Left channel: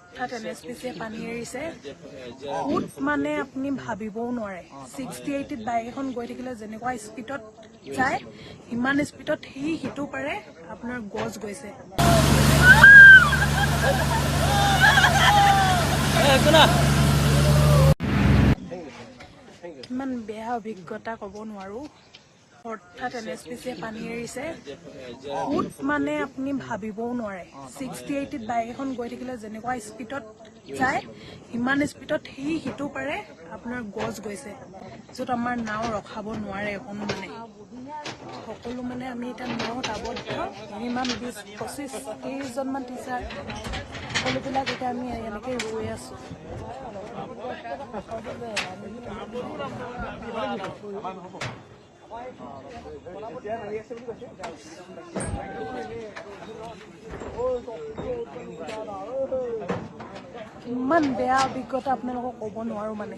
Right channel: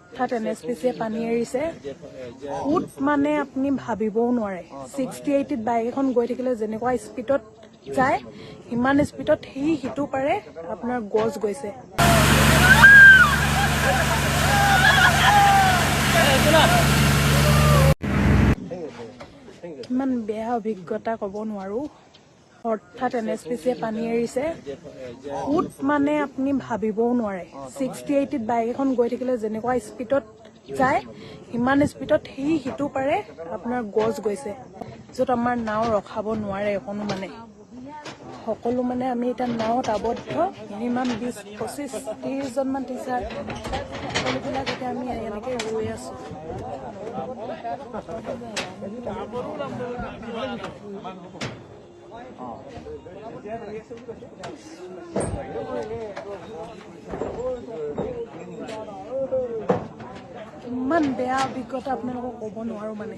হঠাৎ NSPCয়ে পানী এৰিছে ফুট মানে আপুনি ভাবিবও নোৱাৰে 60-80 বাইক এখন গৈ থাকিলে যেনেকুৱা স্পীডত যায় ইমান স্পীডত সিটো পাৰে আপোনাৰ গছ গৈছে ইমান বেয়া অভিজ্ঞতা ক'ব নোৱাৰো হঠাৎ NSPCয়ে পানী এৰিছে ফুট মানে আপুনি ভাবিবও নোৱাৰে 60-80 বাইক এখন গৈ থাকিলে যেনেকুৱা স্পীডত যায় ইমান স্পীডত সিটো পাৰে আপোনাৰ গছ গৈছে য'ত আমাৰ নাও ৰখাব নোৱাৰে কোনো মানে সকলো মানে আমি এটা নাৱত আবদ্ধ মিনিমাম 20-25-30 জনমান টিচাৰ সকলোবিলাক এতিয়া আমি এনেকৈ ৰৈ আছোঁ ইমান বেয়া অভিজ্ঞতা আপোনালোকক ক'ব নোৱাৰো মানে